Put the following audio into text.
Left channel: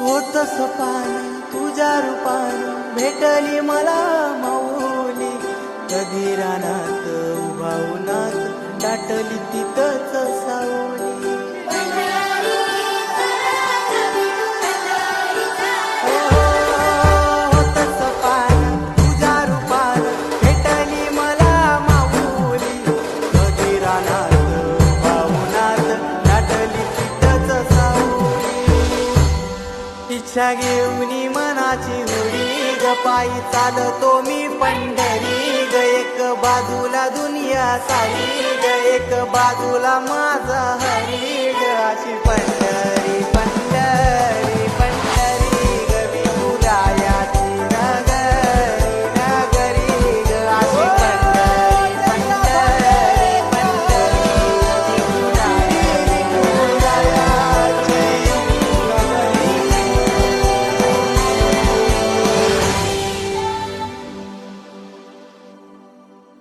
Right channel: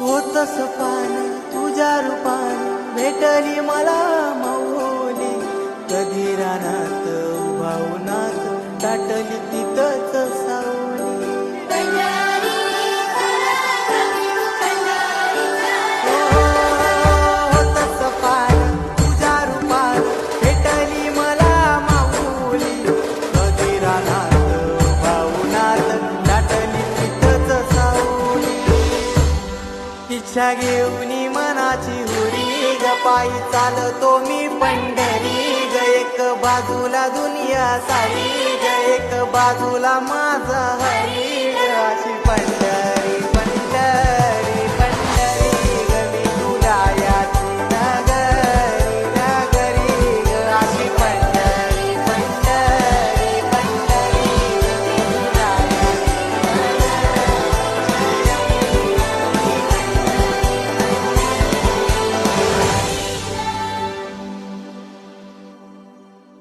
होत सपान तुझ्या रूपान भेटली मला माऊली. कधी रानात उभा उन्हात टाटली तिथंच सावली. होत सपान तुझ्या रूपान भेटली मला माऊली. कधी रानात उभा उन्हात टाटली तिथंच सावली. इच्छा घेऊनी मनाची हुरी ग पायी चालतो मी पंढरी ग. एक बाजूला दुनिया सारी ग एक बाजूला माझा हरी ग. अशी पंढरी